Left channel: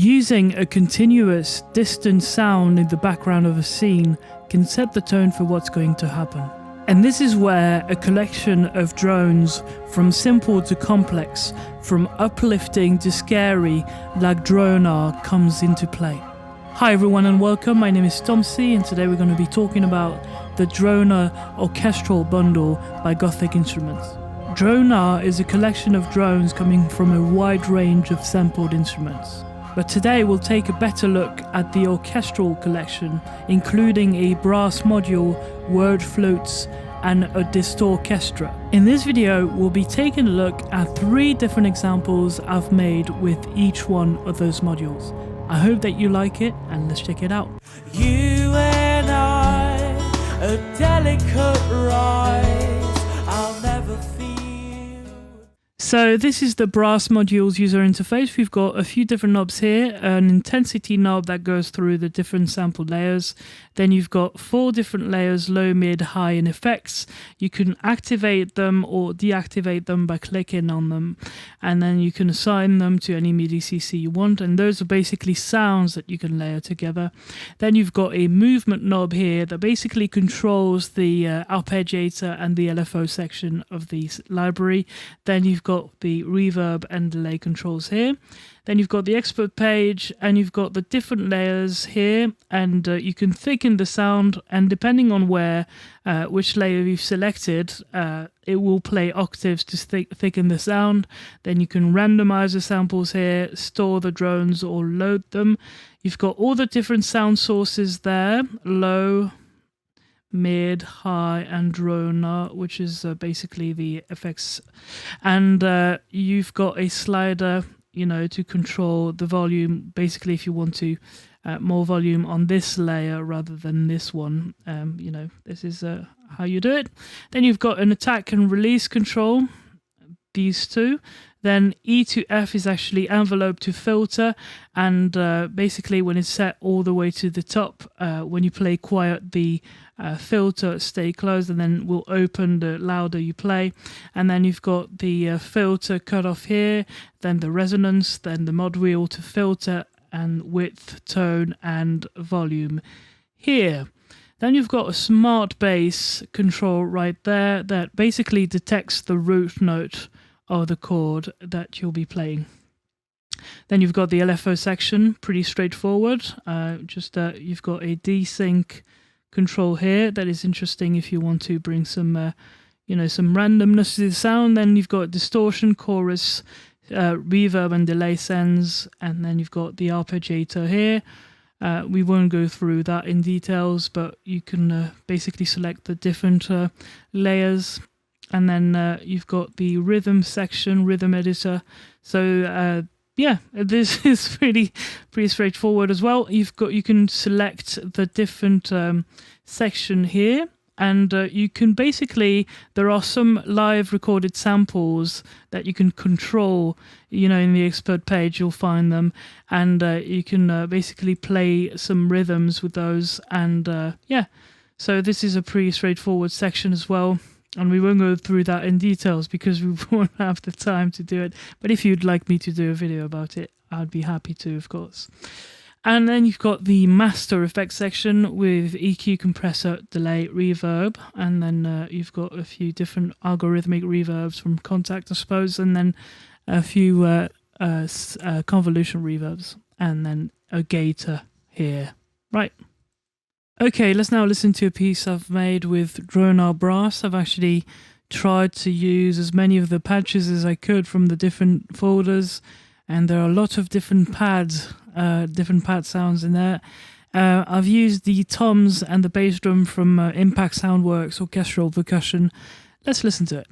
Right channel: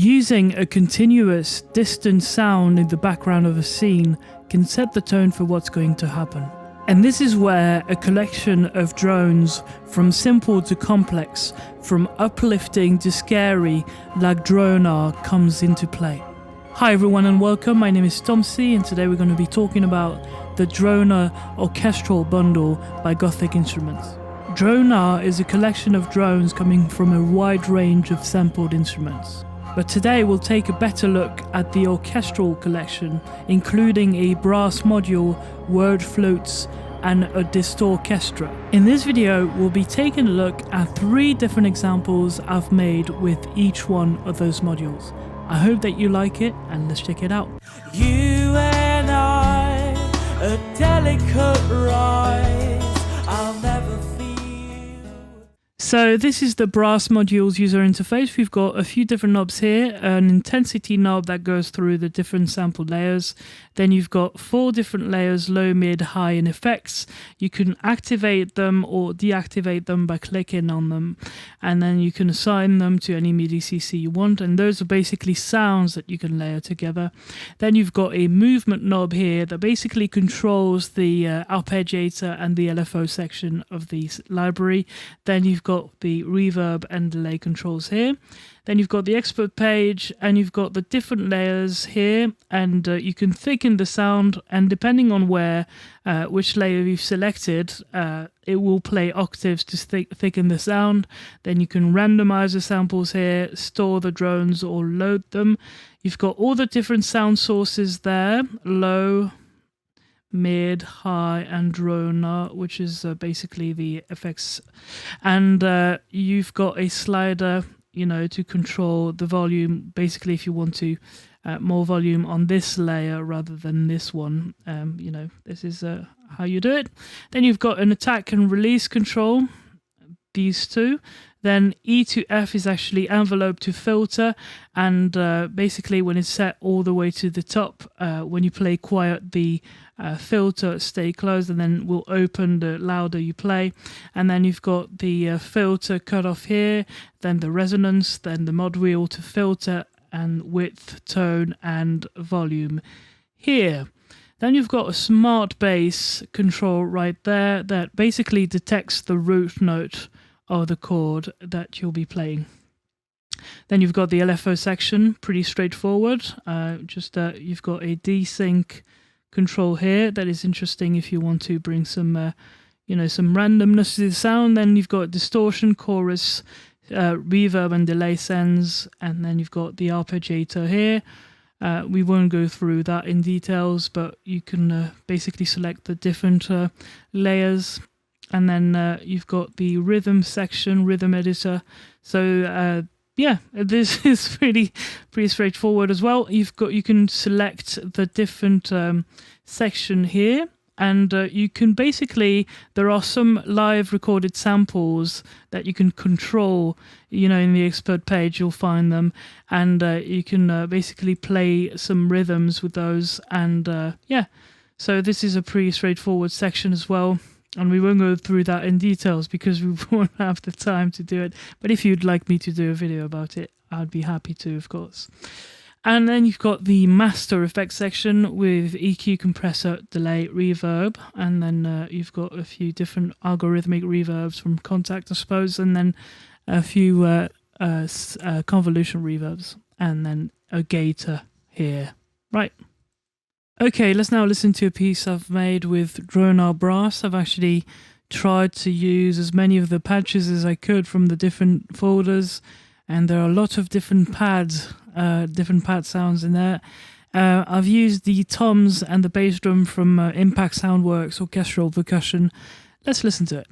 Using a continuous, distant sound in the background of a scene can set the tone for what's going to happen. And this is where a collection of drones, from simple to complex, from uplifting to scary, like Dronar, comes into play. Hi everyone and welcome, my name is ThomC and today we're going to be talking about the Dronar Orchestral bundle by Gothic Instruments. Dronar is a collection of drones coming from a wide range of sampled instruments. But today we'll take a better look at the orchestral collection, including a brass module, word flutes, and a Distorchestra. In this video, we'll be taking a look at 3 different examples I've made with each one of those modules. I hope that you like it, and let's check it out. You and I, a delicate rise, I'll never feel. So this is the brass modules user interface. We've got a few different knobs here, an intensity knob that goes through the different sample layers. Then you've got 4 different layers, low, mid, high, and effects. You can activate them or deactivate them by clicking on them. And then you can assign them to any MIDI CC you want. And those are basically sounds that you can layer together. Then you've got a movement knob here that basically controls the arpeggiator and the LFO section of the library. Then you've got the reverb and delay controls here. Then you've got the expert page and you've got the different layers here, and you can thicken the sound, and depending on which layer you've selected, it will play octaves to thicken the sound. Then you can randomize the samples here, store the drones or load them. You've got all the different sound sources there, low, mid, high, and Dronar, which is basically the effects. And you've got a slider, to control the volume. Basically, if you want to more volume on this layer rather than this one, this is how you do it. Then you've got an attack and release control, these two. Then E to F is actually envelope to filter, and basically when it's set all the way to the top, when you play quiet, the filter stay closed and then will open the louder you play. And then you've got the filter cutoff here, then the resonance, then the mod wheel to filter, and width, tone, and volume here. Then you've got a smart bass control right there that basically detects the root note of the chord that you'll be playing. Then you've got the LFO section, pretty straightforward. You've got a desync control here that is interesting if you want to bring some some randomness to the sound. Then you've got distortion, chorus, reverb and delay sends, and then you've got the arpeggiator here. We won't go through that in details, but you can basically select the different layers. And then you've got the rhythm section, rhythm editor. So this is pretty straightforward as well. You can select the different section here, and you can basically, there are some live recorded samples that you can control. In the expert page you'll find them, and you can basically play some rhythms with those. And so this is a pretty straightforward section as well. And we won't go through that in details because we won't have the time to do it. But if you'd like me to do a video about it, I'd be happy to, of course. And then you've got the master effects section with EQ, compressor, delay, reverb. And then you've got a few different algorithmic reverbs from Contact, I suppose. And then a few convolution reverbs. And then a gator here. Right. Okay, let's now listen to a piece I've made with Dronar Brass. I've actually tried to use as many of the patches as I could from the different folders, and there are a lot of different pads, different pad sounds in there. I've used the toms and the bass drum from Impact Soundworks Orchestral Percussion. Let's listen to it.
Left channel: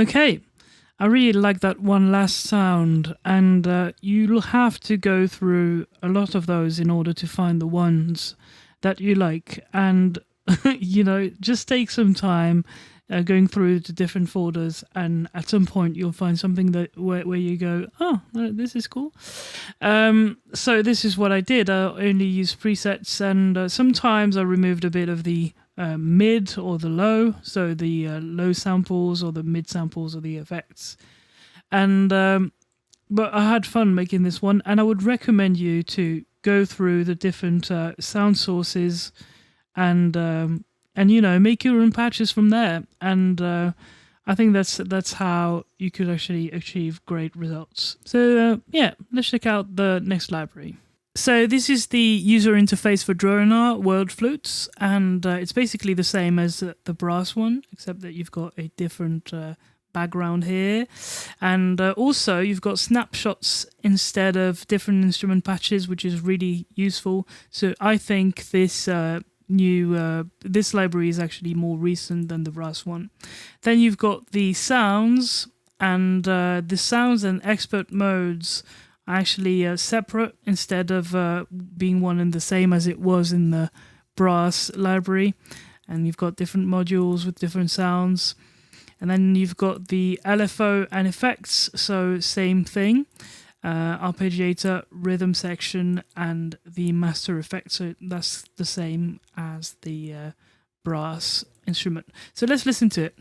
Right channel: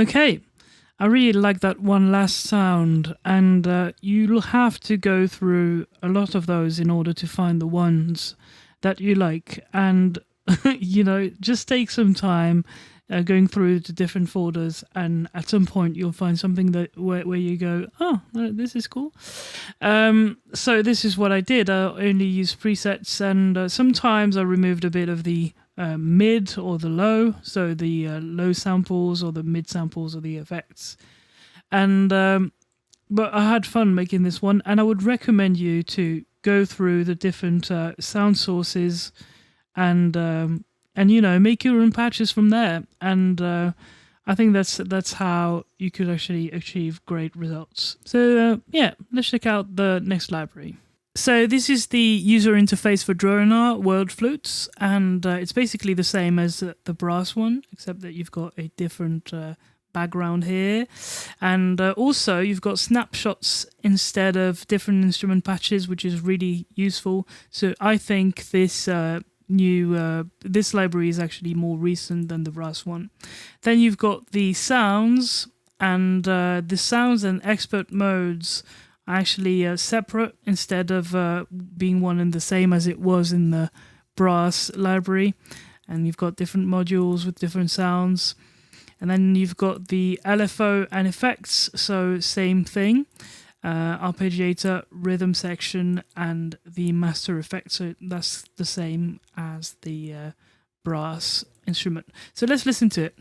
Okay, I really like that one last sound, and you'll have to go through a lot of those in order to find the ones that you like. And, just take some time going through the different folders, and at some point you'll find something that where you go, oh, this is cool. So this is what I did. I only used presets, and sometimes I removed a bit of the mid or the low, so the low samples or the mid samples or the effects. And but I had fun making this one, and I would recommend you to go through the different sound sources and make your own patches from there. And I think that's how you could actually achieve great results. So let's check out the next library. So this is the user interface for Dronar World Flutes, and it's basically the same as the brass one, except that you've got a different background here. And also you've got snapshots instead of different instrument patches, which is really useful. So I think this this library is actually more recent than the brass one. Then you've got the sounds, and the sounds and expert modes are actually separate instead of being one and the same as it was in the brass library. And you've got different modules with different sounds. And then you've got the LFO and effects, so same thing. Arpeggiator, rhythm section, and the master effect. So that's the same as the brass instrument. So let's listen to it.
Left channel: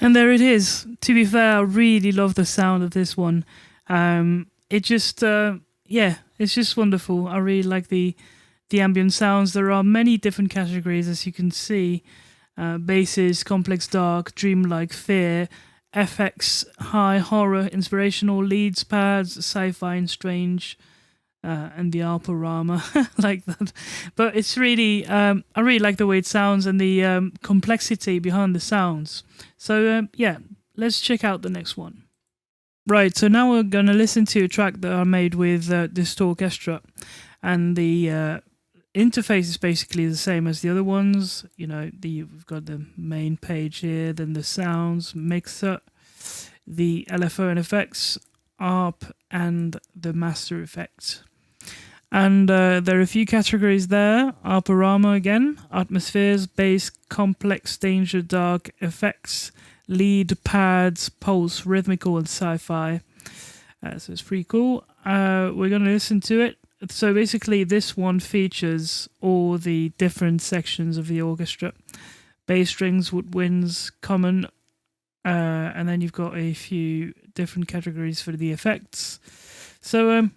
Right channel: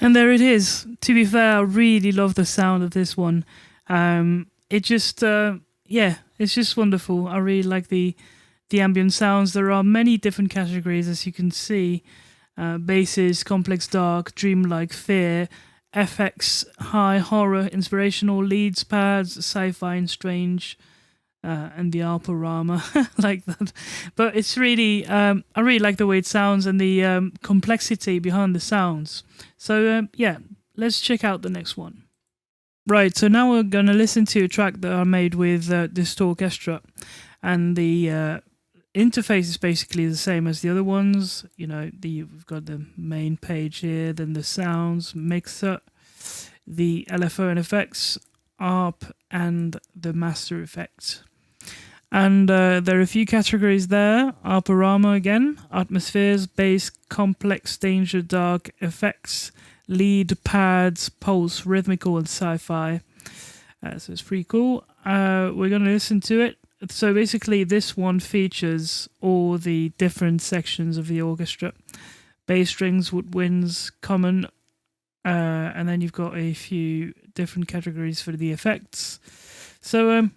And there it is. To be fair, I really love the sound of this one. It just, it's just wonderful. I really like the ambient sounds. There are many different categories, as you can see. Basses, complex dark, dreamlike, fear, FX, high, horror, inspirational, leads, pads, sci-fi and strange, and the Alporama, like that. But it's really, I really like the way it sounds and the complexity behind the sounds. So let's check out the next one. Right, so now we're going to listen to a track that I made with Distorchestra, and the interface is basically the same as the other ones. You know, we've got the main page here, then the sounds, mixer, the LFO and effects, ARP, and the master effects. And there are a few categories there. Alporama again, atmospheres, bass, complex, danger, dark, effects, lead, pads, pulse, rhythmical, and sci-fi. So it's pretty cool. We're going to listen to it. So basically this one features all the different sections of the orchestra. Bass strings, woodwinds, common, and then you've got a few different categories for the effects. So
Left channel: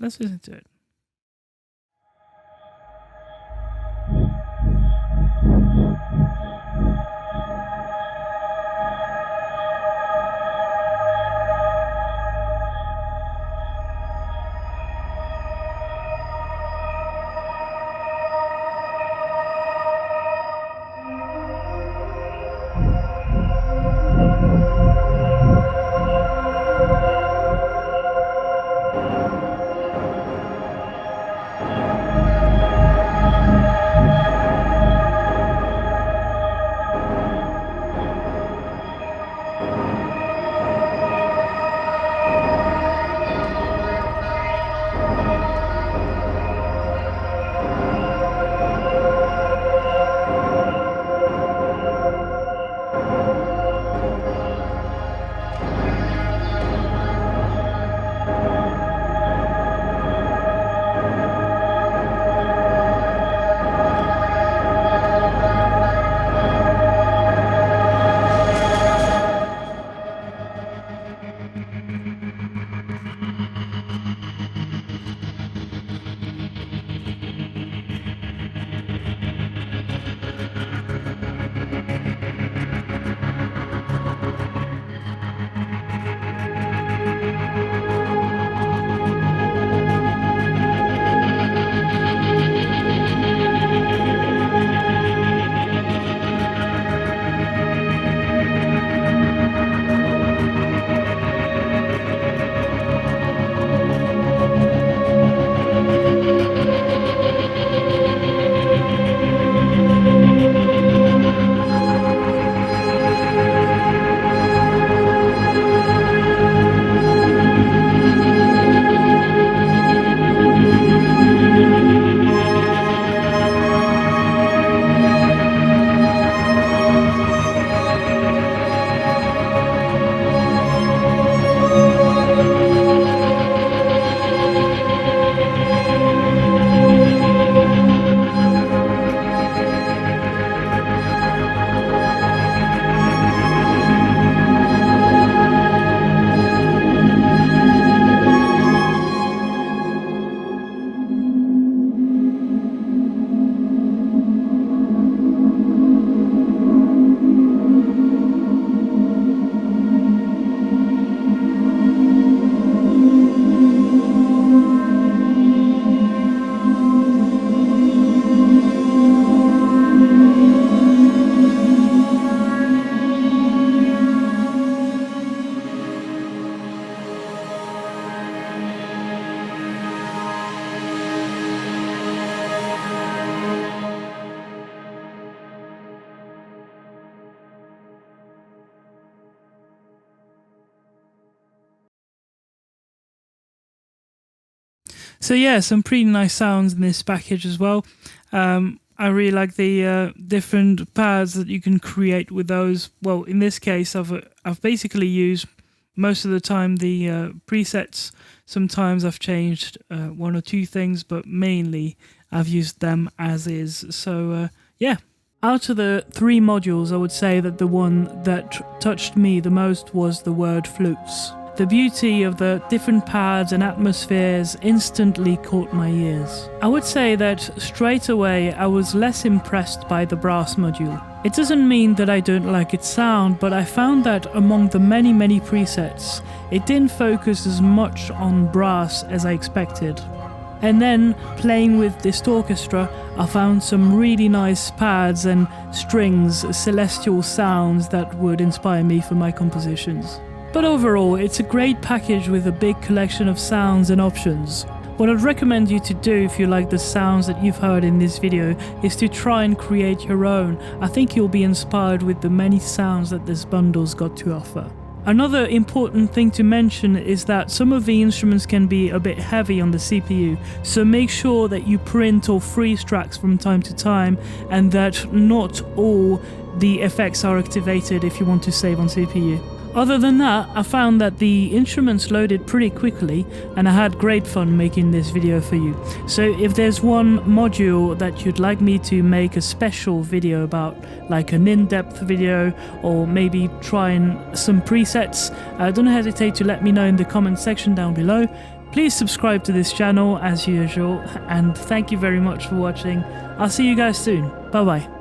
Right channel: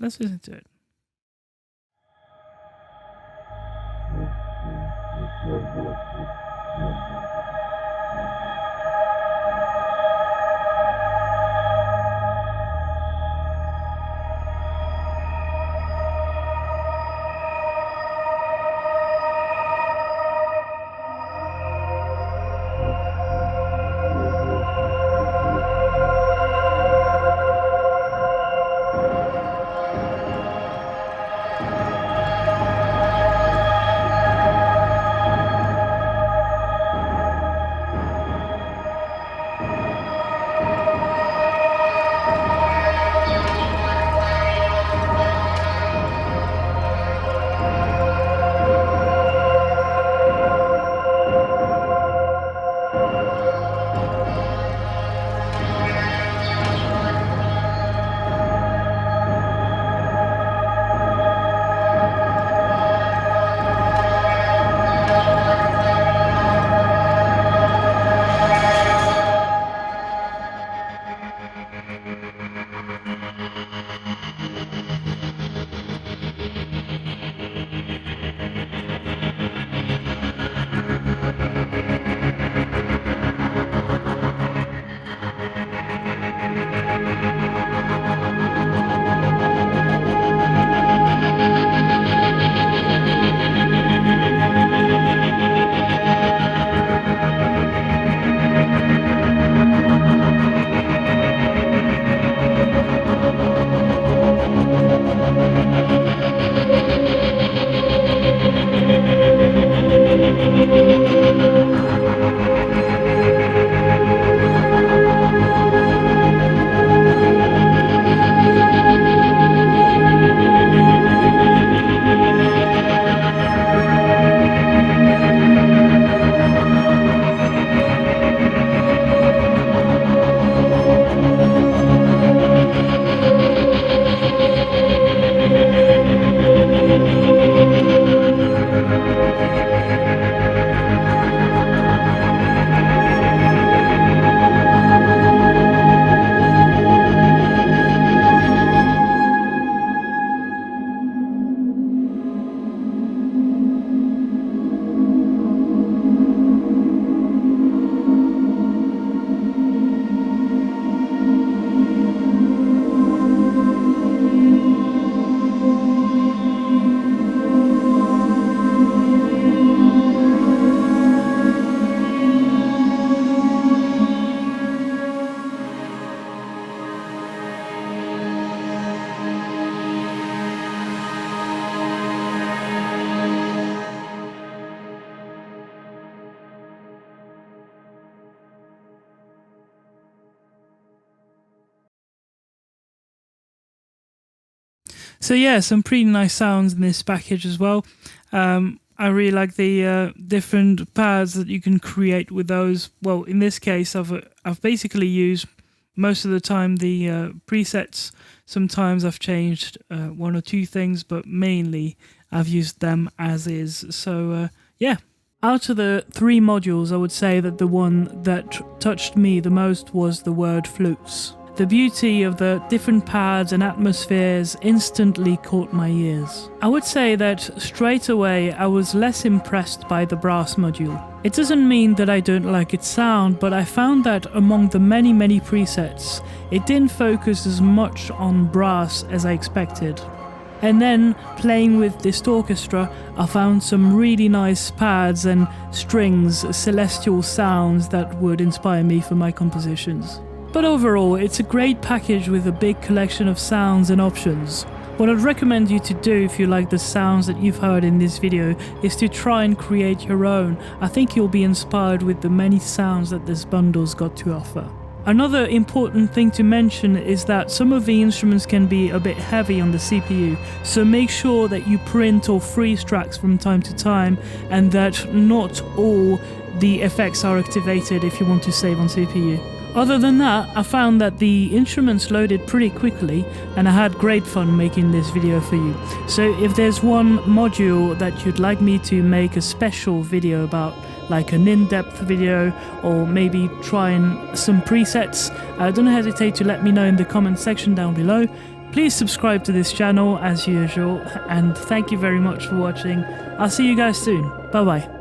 let's listen to it. So yeah, some pretty nice sounds in this package as well. I really like the different pads that you can create with those. Well, in this case, I've basically used most of the time the presets. Sometimes I've changed one or two things, but mainly I've used them as is. So yeah, Out of the 3 modules, I would say that the one that touched me the most was the word flutes. The beauty of the different pads and atmospheres instantly caught my ears. I would say that straight away I was less impressed by the brass module. It doesn't mean that I don't like its sound, but I found that among the many presets, it didn't focus as much on brass as I expected. And then, playing with Distorchestra, I found some really nice pads and strings, celestial sounds that would inspire me for my compositions. But overall, it's a great package with a big collection of sounds and options. What I'd recommend you to do if you like the sounds that you've heard in this video is to try and create your own. I think you'll be inspired with the many sounds that this bundle's got to offer. Another important thing to mention is that some of the instruments can be a bit heavy on the CPU, so make sure that you print or freeze tracks from time to time and that not all the effects are activated if you want to save on CPU. Other than that, I found that the instruments loaded pretty quickly and I had great fun making this video for you. So if there's one module that you'd like me to make a special video about, like an in-depth video or maybe trying some presets, don't hesitate to let me know in the comment section down below. Please subscribe to this channel as usual, and thank you very much for watching. I'll see you guys soon. Bye bye.